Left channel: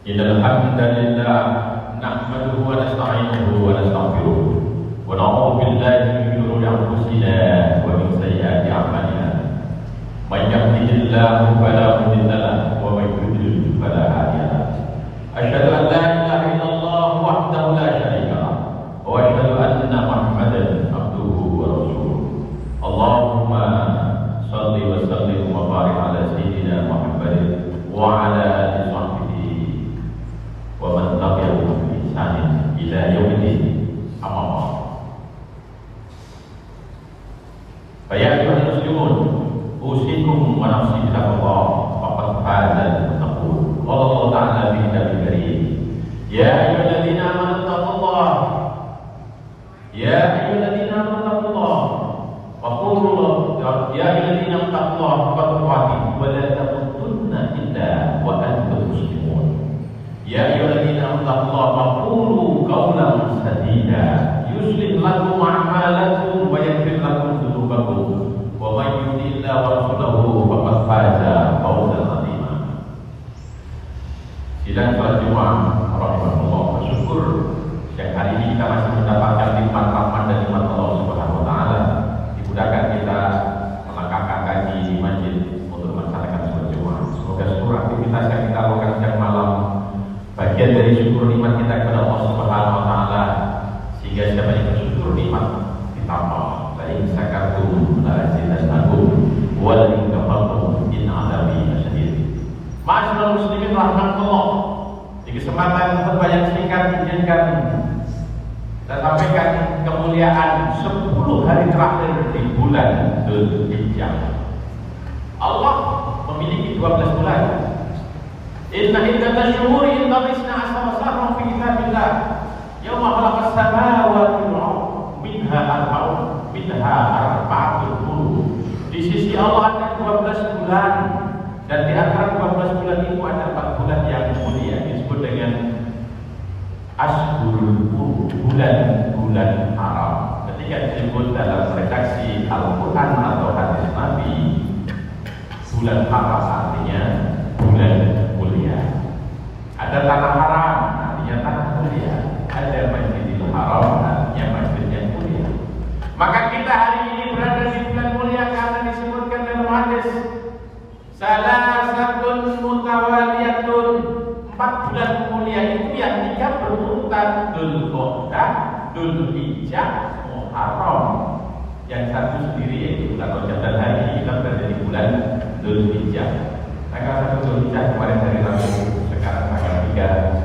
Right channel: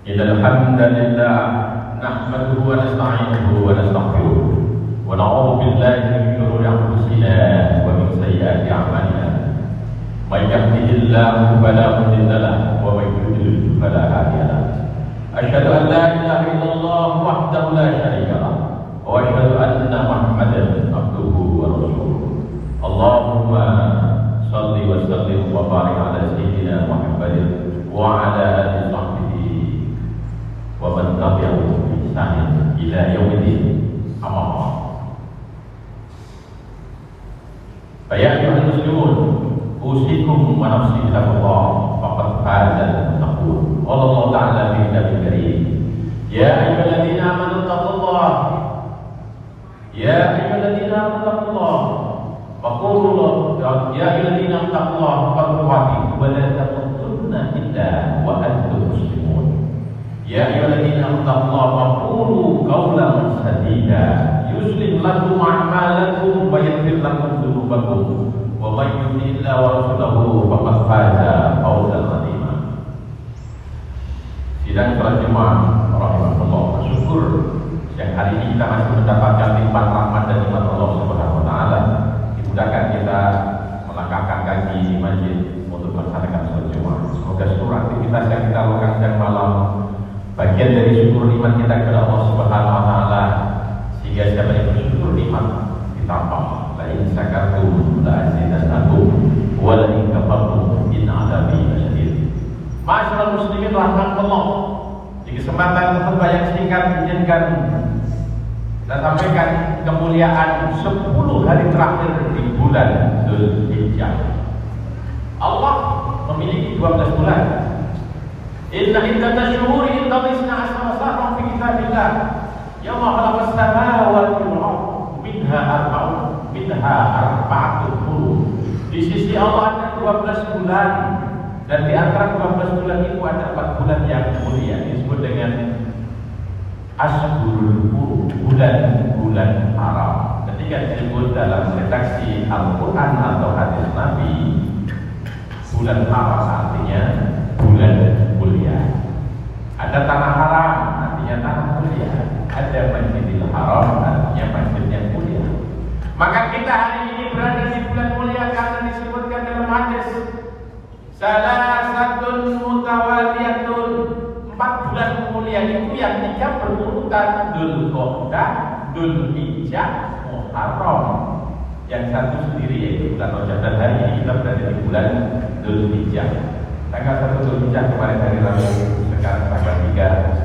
Innal hamdalillah nahmaduhu wa nasta'inuhu wa nastaghfiruh wa na'udzu billahi min shururi anfusina wa min sayyiati a'malina. May yahdihillahu fala mudilla lahu wa may yudlil fala hadiya lahu. Asyhadu an la ilaha illallah wahdahu la syarika lahu wa asyhadu anna Muhammadan abduhu wa rasuluh. Allahumma shalli wa sallim wa barik ala sayyidina Muhammadin wa ala alihi wa man tabi'ahum bi ihsan ila yaumil amma ba'd. Fa ya ayyuhal muslimun, usikum wa nafsi bittaqwa faqad faza al-muttaqun. Wallahu ta'ala fi kitabihil karim. Ya ayyuhalladzina amanu taqullaha ya ayyuhalladzina amanu taqullaha wa qulu ya ayyuhalladzina taqullaha fattaqullaha wa la tamutunna illa wa antum muslimun. Ya ayyuhalladzina amanu qulu qawlan sadida yuslih lakum a'malakum wa yaghfir lakum dhunubakum wa may yuti' Allaha wa rasulahu faqad faza fawzan 'azima. Sidang salat Jumat rahmatullah bersyukur dan hari ini kita masih mendapatkan nikmat rahmat dari Allah Subhanahu wa taala. Dimudahkan kita melangkahkan kaki di masjid untuk melaksanakan salat Jumat. Semoga seluruh aktivitas yang kita lakukan setiap malam bagian dari syukur nikmat kita kepada Allah Subhanahu wa taala, sehingga siapa yang bersyukur nikmat ditambah. La in syakartum la azidannakum wa la in kafartum in 'adzabi lasyadid. Ma'asyiral muslimin rahimakumullah. Di kesempatan khutbah yang singkat izinkan dan sampaikan kemuliaan 10 hari terakhir di bulan Dzulhijjah. Allah memiliki 12 bulan. Inna iddatash syuhuri inda Allahi 12 syahran fi kitabillah yawma khalaqas samawati wal ardh minha arba'atun hurum. Di sisi Allah ada 12 bulan dan di antara 12 bulan itu ada 4 bulan yang mulia disebut dengan Ashhurul Hurum, bulan-bulan haram. Ketika disebut dalam redaksi Al-Quran atau hadis Nabi, bulan haram artinya bulan mulia. Ada tanah haram artinya tanah mulia. Ada Masjidil Haram artinya masjid yang mulia. Maka kita hari ini berada di bulan mulia karena disebutkan dalam hadis salasatun mutawaliyatun, 4 bulan mulia itu yang 3 berurutan, Dzulqa'dah, Dzulhijjah, Muharram. Yang satu sendiri yaitu kalau Rajab hari kita berada di bulan Dzulhijjah. Tanggal 1 Dzulhijjah kemarin dari Rabu, sekarang tanggal 3.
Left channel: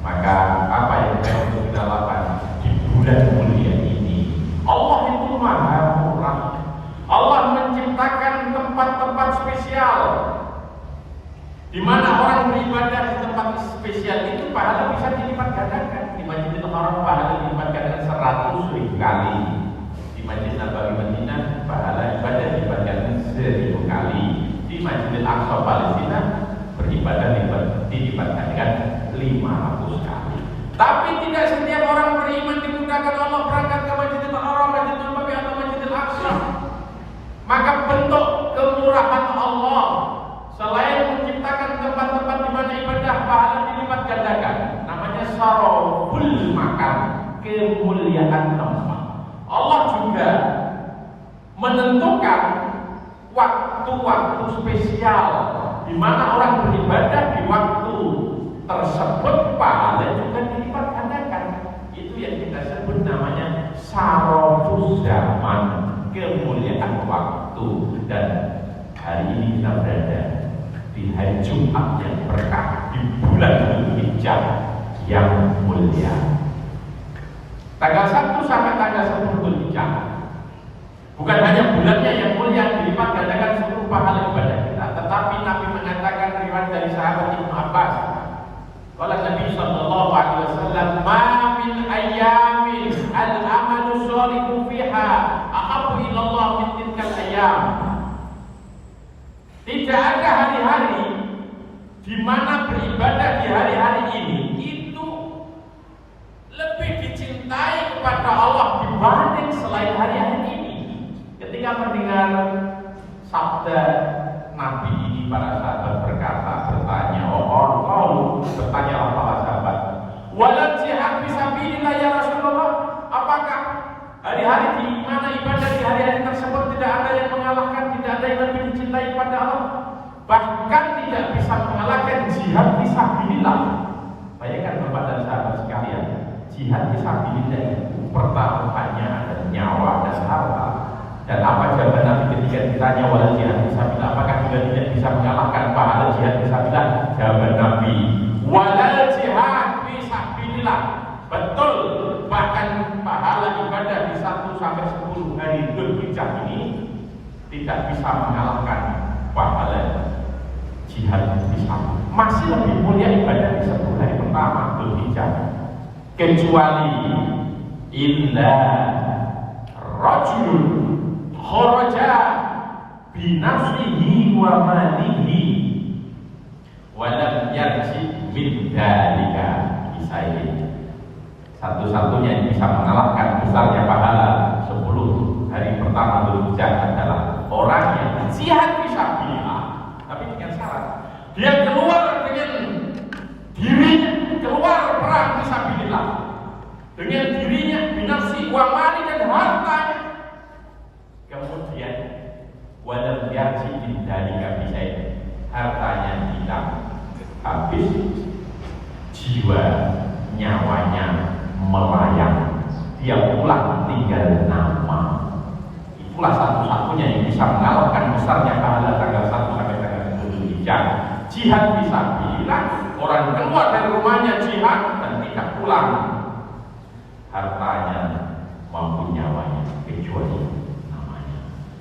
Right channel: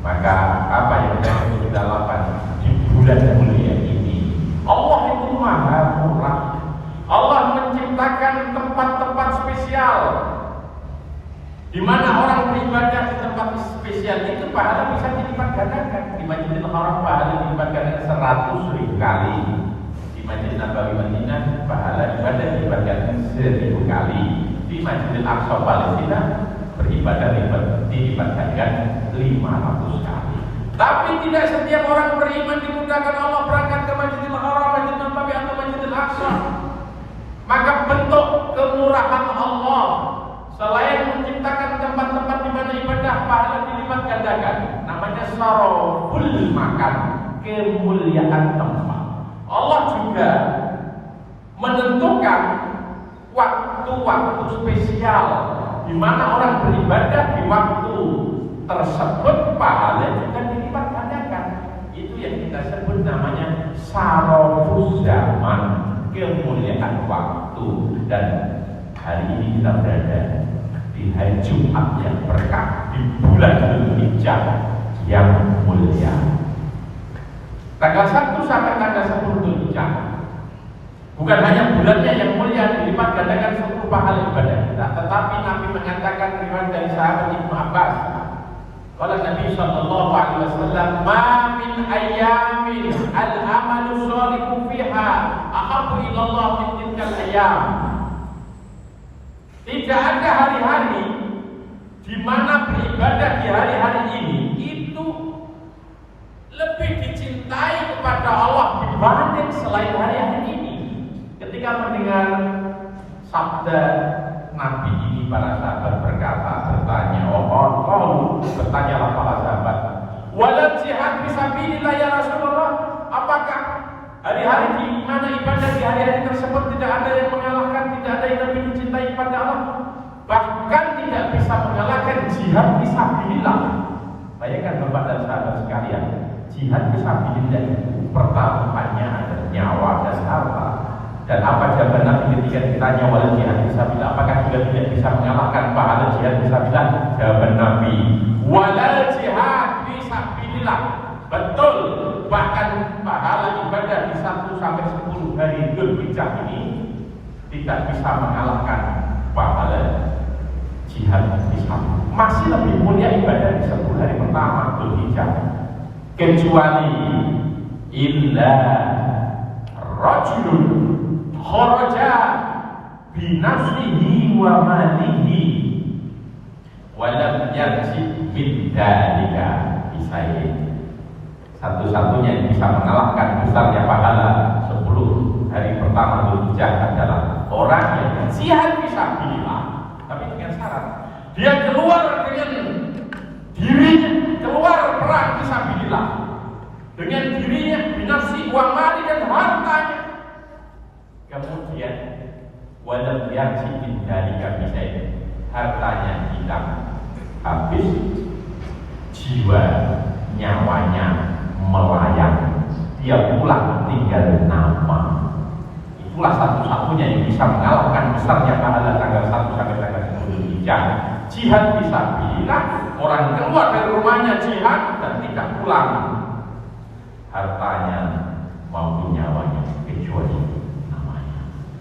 Maka apa yang harus kita lakukan di bulan mulia ini? Allah itu Maha Murah. Allah menciptakan tempat-tempat spesial di mana orang beribadah di tempat spesial itu pahala bisa dilipat gandakan. Di Masjidil Haram pahala dilipat gandakan 100.000 kali. Di Masjid Nabawi Madinah pahala ibadah dilipat gandakan 1000 kali. Di Masjidil Aqsa Palestina beribadah dilipat gandakan 500 kali. Tapi tidak setiap orang beriman dimudahkan Allah berangkat ke Masjidil Haram, Masjidil Nabawi atau Masjidil Aqsa. Maka bentuk kemurahan Allah selain menciptakan tempat-tempat di mana ibadah pahala dilipat gandakan, namanya saroful makan, kemuliaan tempat. Allah juga menentukan waktu-waktu spesial di mana orang beribadah di waktu tersebut pahala juga dilipat gandakan. Itu yang kita sebut namanya sarofus zaman, kemuliaan waktu. Dan hari ini kita berada di hari Jumat yang berkah di bulan Dzulhijjah yang mulia. Tanggal 1 sampai tanggal 10 Dzulhijjah bukan hanya bulannya yang mulia dilipat gandakan seluruh pahala ibadah kita, tetapi Nabi mengatakan riwayat dari sahabat Ibnu Abbas, qala Nabi sallallahu alaihi wasallam, ma min ayyamin al-amalu shalihu fiha ahabbu ila Allah min tilkal ayyam. Tidak ada hari-hari di mana beribadah di hari-hari ini itu lebih dicintai kepada Allah dibanding selain hari-hari ini. Ketika mendengar sabda Nabi ini, para sahabat bertanya, bertanya mana ibadah di hari-hari tersebut tidak ada yang mengalahkan, tidak ada yang lebih dicintai pada Allah. Bahkan tidak bisa mengalahkan jihad fisabilillah. Bayangkan Bapak dan sahabat sekalian, jihad fisabilillah itu pertaruhannya ada nyawa dan harta. Dan apa jawaban Nabi ketika ditanya wal jihad fisabilillah, apakah juga tidak bisa mengalahkan pahala jihad fisabilillah? Jawaban Nabi, walal jihad fisabilillah. Betul, bahkan pahala ibadah di 1 sampai 10 hari Dzulhijjah ini tidak bisa mengalahkan pahala jihad fisabilillah. Masih lebih mulia ibadah di 10 hari pertama Dzulhijjah, kecuali illa rajulun kharaja binafsihi wa malihi wa lam yarji min dzalika bisairi. Satu-satunya yang bisa mengalahkan besarnya pahala 10 hari pertama Dzulhijjah adalah orang yang jihad fisabilillah, tapi dengan syarat dia keluar dengan dirinya, keluar perang fisabilillah dengan dirinya, binafsi, wa mali dan hartanya. Kemudian walau yarji min dzalika bisairi, hartanya hilang habis, jiwa nyawanya melayang, dia pulang tinggal nama. Itulah satu-satunya yang bisa mengalahkan besarnya pahala tanggal 1 sampai tanggal 10 Dzulhijjah. Jihad fisabilillah, orang keluar dari rumahnya jihad dan tidak pulang, hartanya maupun nyawanya kecuali namanya.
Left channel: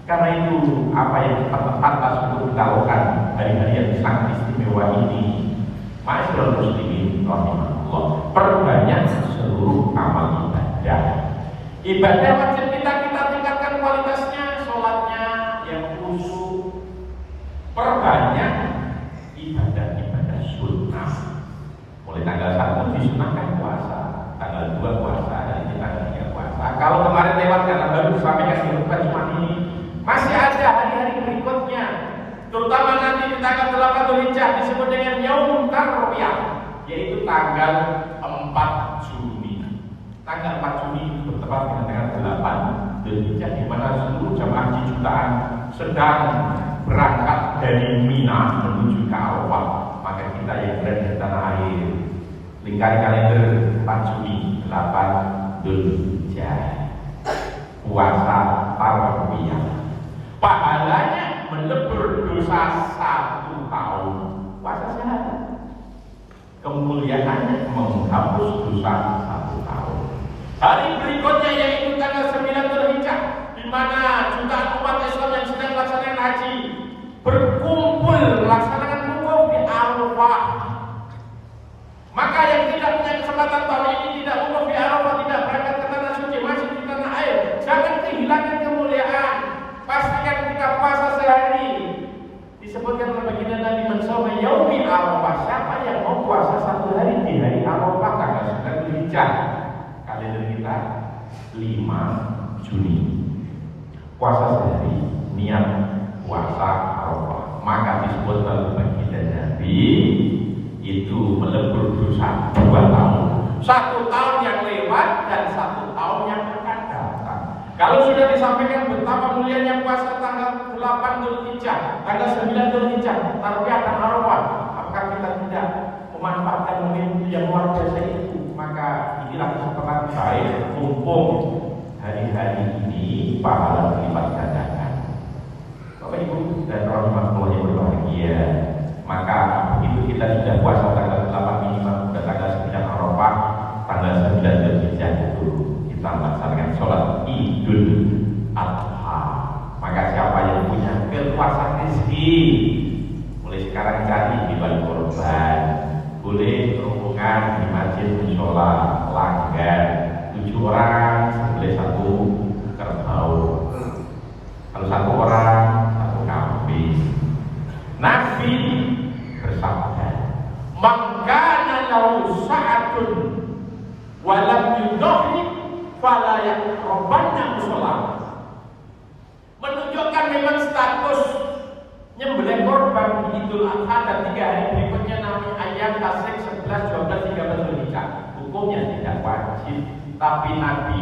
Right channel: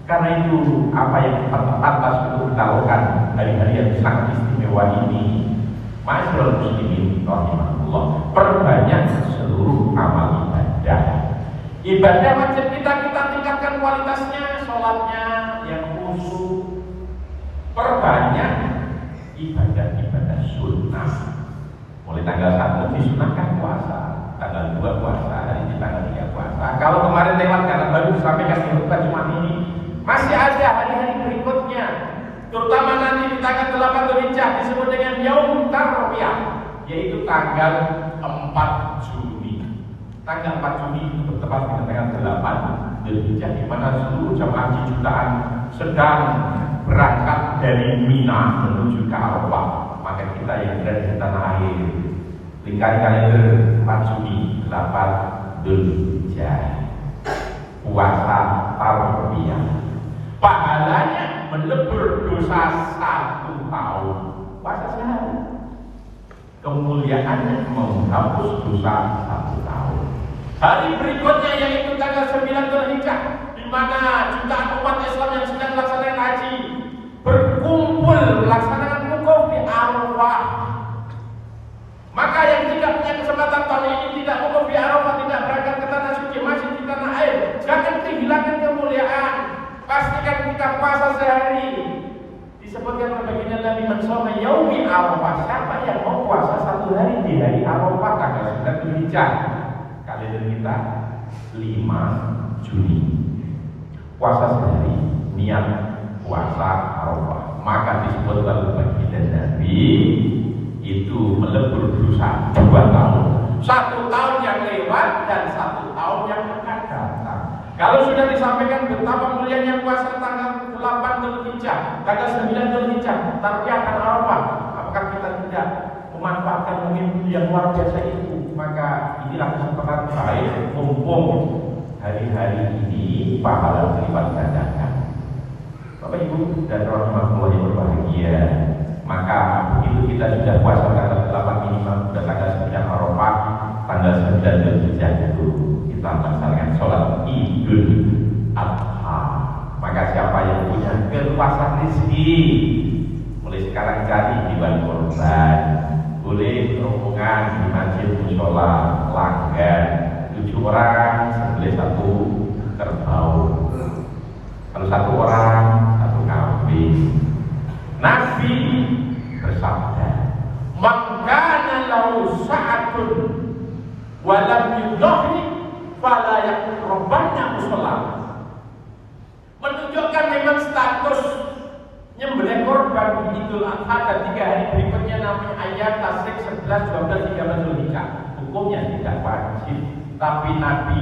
Karena itu apa yang kita atas untuk kita lakukan hari-hari yang sangat istimewa ini, masyaallah muslimin rahimahullah, perbanyak seluruh amal ibadah. Ibadah wajib kita tingkatkan kualitasnya, sholatnya yang khusyuk. Perbanyak ibadah-ibadah sunnah. Mulai tanggal 1 disunahkan puasa, tanggal 2 puasa, hari ini tanggal 3 puasa. Kalau kemarin lewat karena baru disampaikan di bukan cuma ini, masih ada hari-hari berikutnya. Terutama nanti di tanggal 8 Dzulhijjah disebut dengan Yaum Tarwiyah, yaitu tanggal 4 Juni. Tanggal 4 Juni itu bertepatan dengan 8 Dzulhijjah, di mana seluruh jamaah haji jutaan sedang berangkat dari Mina menuju ke Arafah. Maka kita yang berada di tanah air, lingkar kalender 4 Juni, 8 Dzulhijjah, puasa Tarwiyah. Pahalanya melebur dosa 1 tahun puasa sehari, kemuliaannya menghapus dosa 1 tahun. Hari berikutnya yaitu tanggal 9 Dzulhijjah, di mana jutaan umat Islam yang sedang melaksanakan haji berkumpul melaksanakan wukuf di Arafah. Maka yang tidak punya kesempatan tahun ini tidak wukuf di Arafah, tidak berangkat ke tanah suci, masih di tanah air, jangan kehilangan kemuliaan. Pastikan kita puasa sehari. Disebutkan begini Nabi Muhammad yaumi Arafah. Siapa yang mau puasa 1 hari di hari Arafah tanggal 9 Dzulhijjah, kalender kita 5 Juni, puasa sehari, niat puasa Arafah, maka disebut oleh baginda Nabi itu melebur dosa 2 tahun. 1 tahun yang lewat dan 1 tahun yang akan datang. Kalau sudah disampaikan betapa mulianya puasa tanggal 8 Dzulhijjah, tanggal 9 Dzulhijjah, Tarwiyah dan Arafah, apakah kita tidak memanfaatkan momentum yang luar biasa itu? Maka inilah kesempatan baik, mumpung hari-hari ini pahala berlipat ganda. Bapak Ibu dan rahimahullah yang berbahagia, maka begitu kita sudah puasa tanggal 8 ini sampai tanggal 9 Arafah, tanggal 9 Dzulhijjah itu kita melaksanakan sholat Idul Adha. Maka siapa yang punya kelepasan rezeki, mulai sekarang cari di balik korban, boleh rombongan di masjid mushola langgan 7 orang sebeli 1 kerbau. Kalau 1 orang 1 kambing. Nabi bersabda, "Mangkana lahu sa'atun wa lam yudhhi fala yaqrabanna mushola." Menunjukkan memang status nyembelih korban di Idul Adha dan 3 hari berikutnya Nabi ayat tasik 11, 12, 13 Dzulhijjah. Hukumnya tidak wajib, tapi Nabi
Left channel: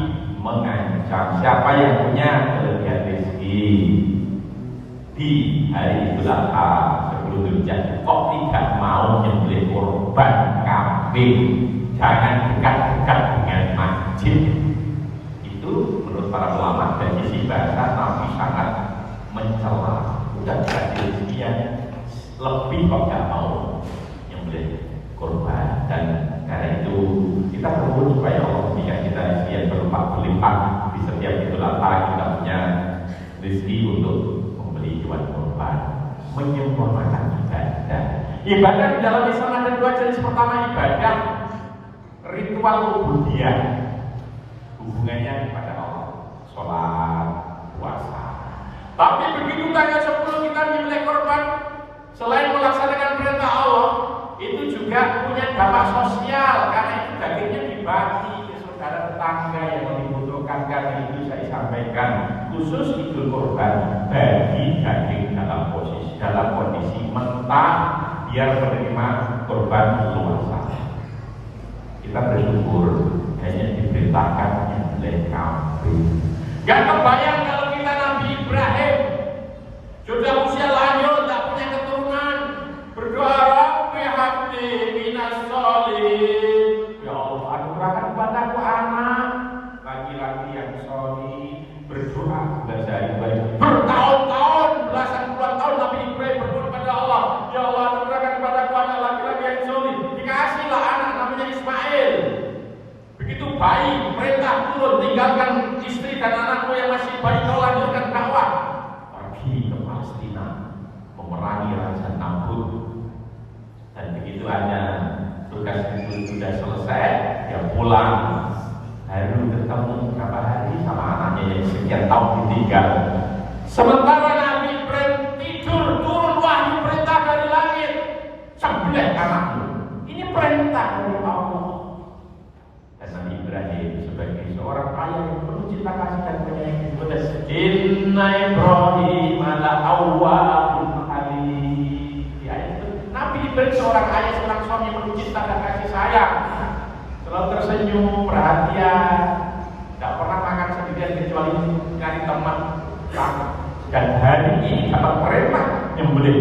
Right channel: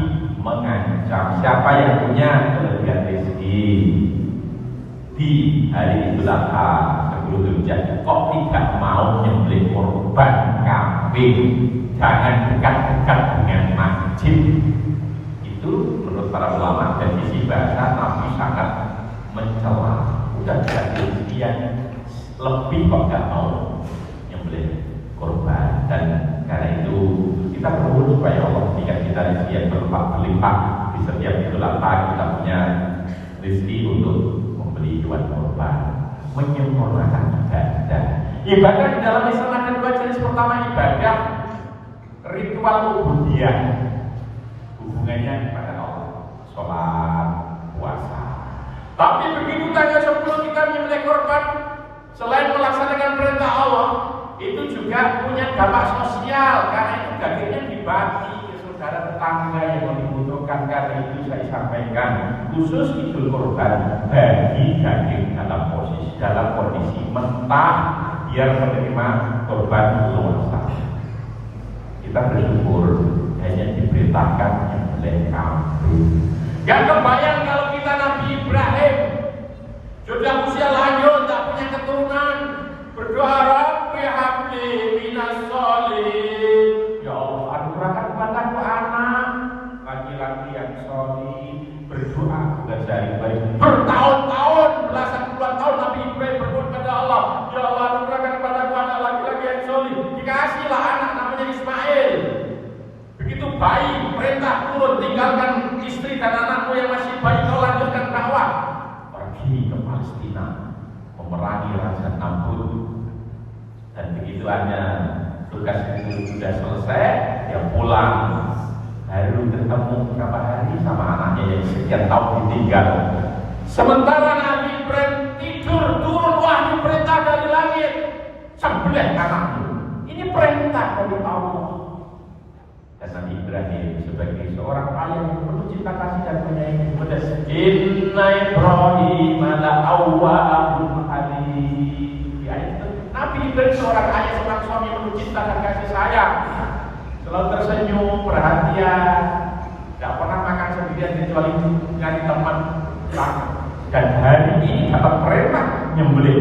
mengancam siapa yang punya kelebihan rezeki di hari Idul Adha 10 Dzulhijjah kok tidak mau nyembelih korban kambing, jangan dekat-dekat dengan masjid. Itu menurut para ulama dari sisi bahasa tapi sangat mencela. Udah jadi rezeki yang lebih kok tidak mau nyembelih korban. Dan karena itu kita perlu supaya Allah berikan kita rezeki yang berlimpah di setiap Idul Adha. Kita punya rezeki untuk membeli hewan korban, menyempurnakan ibadah. Ibadah di dalam Islam ada dua jenis. Pertama ibadah ritual ubudiyah, hubungannya kepada Allah, sholat, puasa. Tapi begitu tanggal 10 kita memilih korban, selain melaksanakan perintah Allah, itu juga punya dampak sosial karena itu dagingnya dibagi ke saudara tetangga yang membutuhkan. Karena itu saya sampaikan khusus Idul Kurban bagi daging dalam kondisi mentah biar menerima korban luasa. Kita bersyukur hanya diperintahkan oleh kambing. Gak kebayang kalau kita Nabi Ibrahim sudah usia lanjut tak punya keturunan, berdoa Rabbi habli minas sholihin, ya Allah anugerahkan padaku anak laki-laki yang sholih. Berdoa bukan sehari-hari, bertahun-tahun, belasan puluhan tahun Nabi Ibrahim berdoa kepada Allah, ya Allah anugerahkan padaku anak laki-laki yang sholih. Dikasihlah anak namanya Ismail. Begitu bayi perintah turun, tinggalkan istri dan anakmu yang masih bayi, kau lanjutkan dakwah. Pergi ke Palestina memerangi Raja Namrud. Dan begitu hanya tugas itu sudah selesai, dia pulang. Baru ketemu berapa hari sama anaknya yang sekian tahun ditinggal. Sementara Nabi Ibrahim tidur, turun wahyu perintah dari langit, sembelih anakmu. Ini perintah dari Allah. Dan Nabi Ibrahim sebagai seorang ayah yang penuh cinta kasih dan menyayangi kepada Inna Ibrahim ala awwalul halim. Ya itu Nabi Ibrahim seorang ayah, seorang suami yang penuh cinta dan kasih sayang, selalu tersenyum, perhatian, tidak pernah makan sendirian kecuali nyari teman. Dan hari ini dapat perintah nyembelih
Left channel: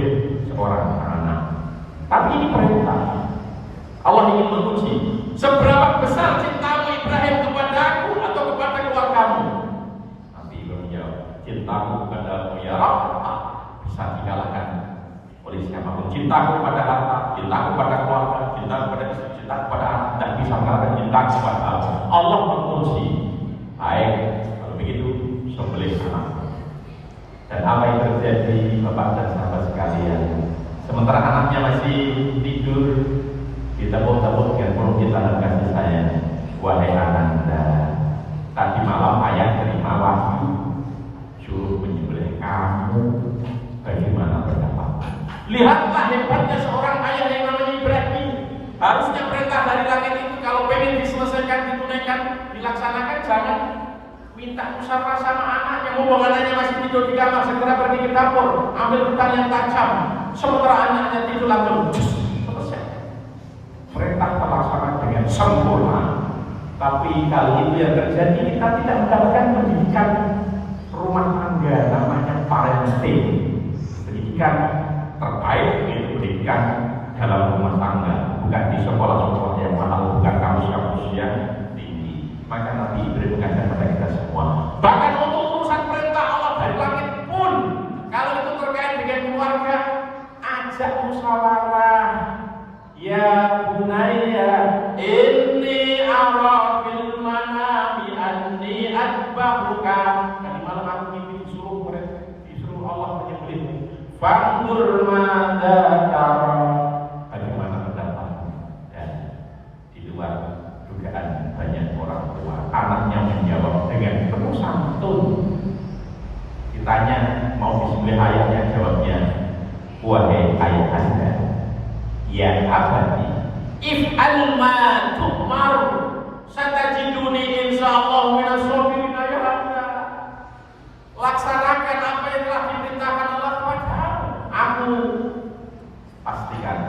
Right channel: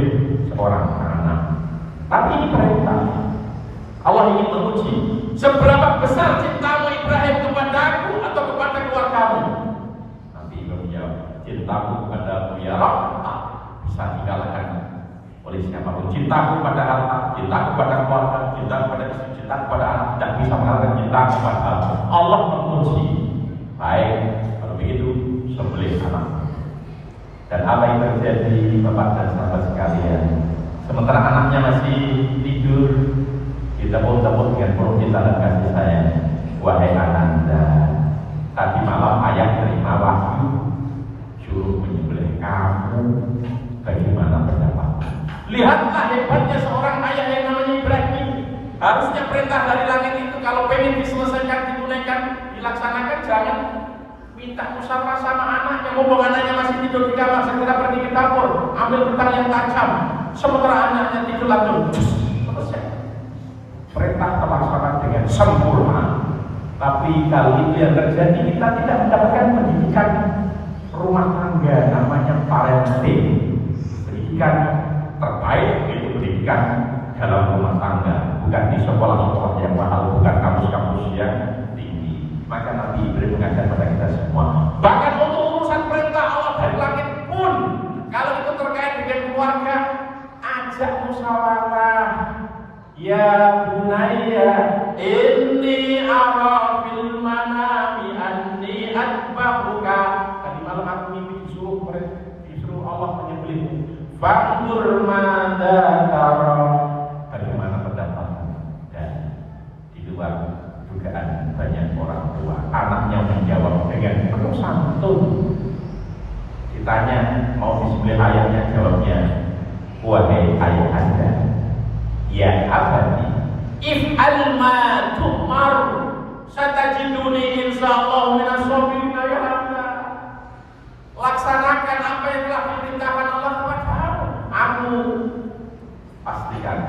seorang anak. Tapi ini perintah. Allah ingin menguji seberapa besar cintamu Ibrahim kepadaku atau kepada keluargamu. Nabi Ibrahim menjawab, cintamu kepadamu ya Allah bisa dikalahkan oleh siapapun. Cintaku kepada harta, cintaku kepada keluarga, cintaku kepada istri, cintaku kepada anak, dan bisa mengalahkan cintaku kepada Allah. Menguji. Baik, kalau begitu sembelih anak. Dan apa yang terjadi Bapak dan sahabat sekalian, sementara anaknya masih tidur, ditepuk-tepuk dengan penuh cinta dan kasih sayang, wahai ananda, tadi malam ayah terima wahyu suruh menyembelih kamu, bagaimana pendapat? Lihatlah hebatnya seorang ayah yang namanya Ibrahim. Harusnya perintah dari langit itu kalau pengen diselesaikan, ditunaikan, dilaksanakan, jangan minta musyawarah sama anak yang mau anaknya masih tidur di kamar, segera pergi ke dapur, ambil pedang yang tajam, sementara anaknya tidur langsung selesai. Perintah terlaksana dengan sempurna. Tapi kali itu yang terjadi, kita tidak mendapatkan pendidikan rumah tangga, namanya parenting. Pendidikan terbaik itu pendidikan dalam rumah tangga, bukan di sekolah-sekolah yang mahal, bukan kampus-kampus yang tinggi. Maka Nabi Ibrahim mengajar kepada kita semua. Bahkan untuk urusan perintah Allah dari langit pun, kalau itu terkait dengan keluarga, ajak musyawarah. Ya bunayya inni ara fil manami anni atba'uka. Tadi malam aku mimpi disuruh Allah menyembelihmu. Fandur madza tara. Bagaimana pendapatmu? Dan di luar dugaan banyak orang tua, anaknya menjawab dengan penuh santun. Ditanya mau disembelih ayahnya, jawabnya, wahai ayah anda, ya abadi, if'al ma tu'mar, satajiduni insyaallah minas sabirin ya Allah. Laksanakan apa yang telah diperintahkan Allah kepadamu. Kamu pastikan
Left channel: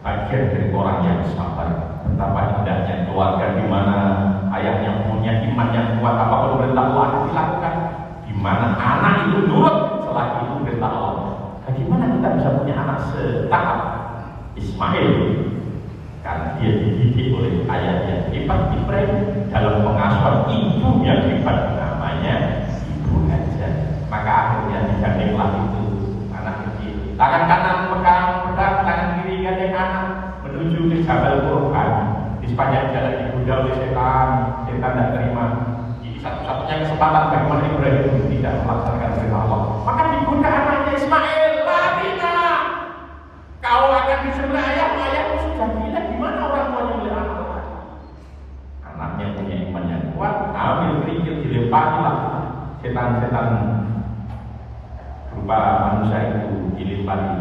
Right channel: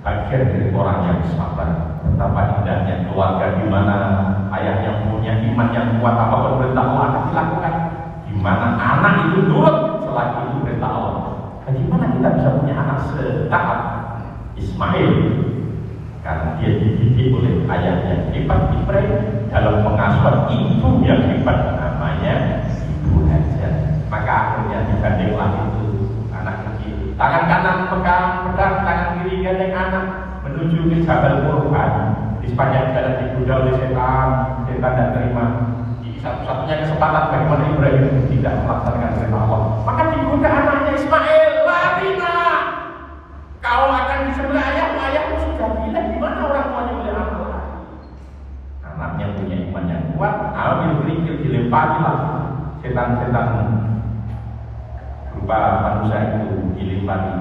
bagian dari orang yang sabar. Betapa indahnya keluarga di mana ayahnya punya iman yang kuat, apapun dia dididik oleh ayahnya hebat Ibrahim dalam pengasuhan ibu yang hebat namanya Ibu Hajar. Maka akhirnya digandenglah itu anak kecil, tangan kanan pegang pedang, tangan kiri gandeng anak menuju ke Jabal Qur'an. Di sepanjang jalan digoda oleh setan tidak terima. Ini satu-satunya kesempatan bagaimana Ibrahim tidak melaksanakan perintah Allah. Maka digoda anaknya Ismail, larilah, kau akan disembelih ayahmu sudah gila, gimana orang tua juga anak? Anaknya punya iman yang kuat, ambil kerikil dilemparilah setan-setan berupa manusia itu dilempari.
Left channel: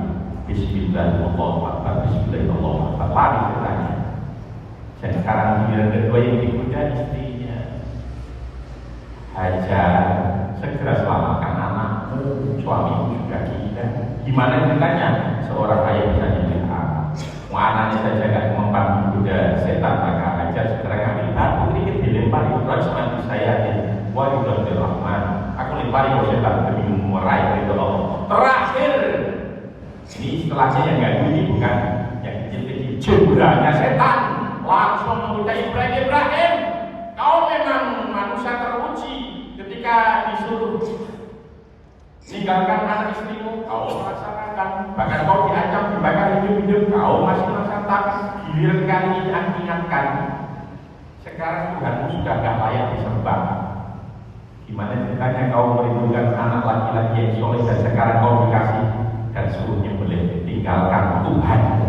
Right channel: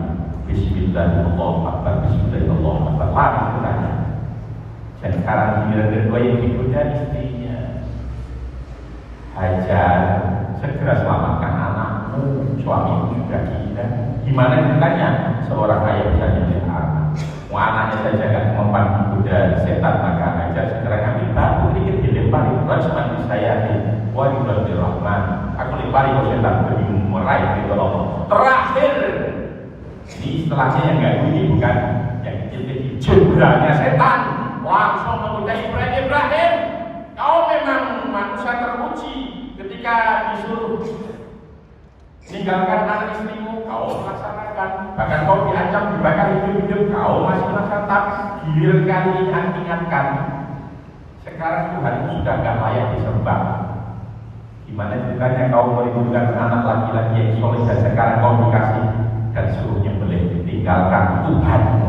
Bismillahirrahmanirrahim, Bismillahirrahmanirrahim, lari setannya. Sekarang dia kedua yang digoda istrinya Hajar, segera selamatkan anakmu, suamimu juga gila. Gimana ceritanya seorang ayah bisa jadi anak? Anaknya saja kan mempan digoda setan, maka Hajar segera ngambil batu sedikit dilempari. Wajib saya wah Ibrahim Rahman, aku lempari ke setan demi meraih ridho Allah. Terakhir ini setelahnya yang nggak bunyi bukan yang kecil-kecil, jebranya setan langsung meminta Ibrahim, kau memang manusia teruji ketika disuruh tinggalkan anak istrimu, kau melaksanakan. Bahkan kau diancam dibakar hidup-hidup, kau masih melaksanakan. Giliran kali ini aku ingatkan, sekarang Tuhanmu sudah gak layak disembah. Gimana ceritanya kau melindungi anak laki-laki yang soleh dan sekarang kau dikasih dan suruhnya boleh tinggalkan Tuhanmu.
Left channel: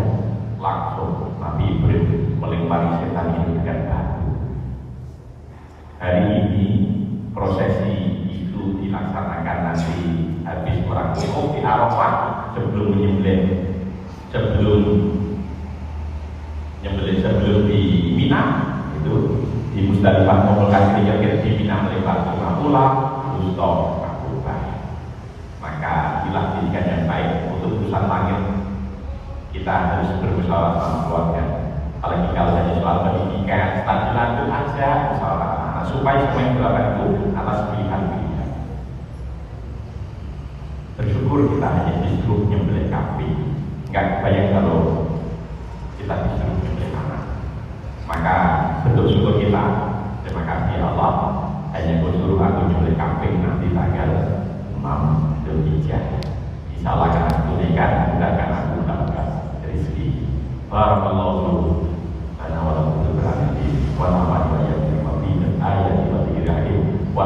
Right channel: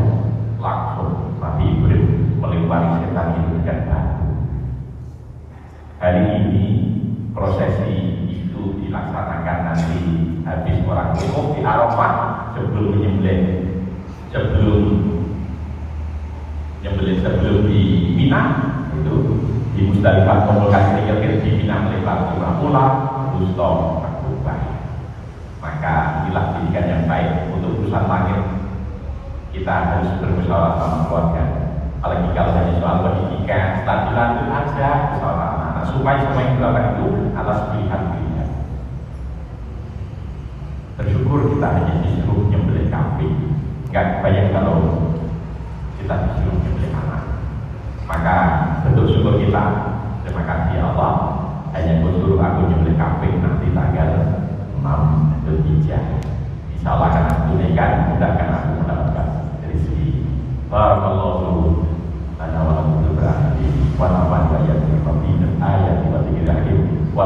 Langsung Nabi Ibrahim melempari setan itu dan batu. Hari ini prosesi itu dilaksanakan nanti habis sholat wukuf di Arafah sebelum di Mina itu di Musdalifah mengulang di Mina melewati pulang terus lakukan. Maka inilah pendidikan yang baik untuk urusan langit. Kita harus bermusyawarah sama keluarga. Apalagi kalau hanya soal pendidikan, stadilan itu aja musyawarah. Nah, supaya semua yang dilakukan itu atas pilihan-pilihan. Bersyukur kita hanya disuruh nyembelih kambing. Enggak banyak kalau kita disuruh nyembelih anak. Maka betul-betul kita terima kasih Allah hanya disuruh aku nyembelih kambing nanti tanggal 6 Zulhijjah. Insyaallah akan aku tunaikan, mudah akan aku mendapatkan rezeki. Barakallahu lana wa lakum fil ayati wa nafa'ana bi ayati wa dzikri wa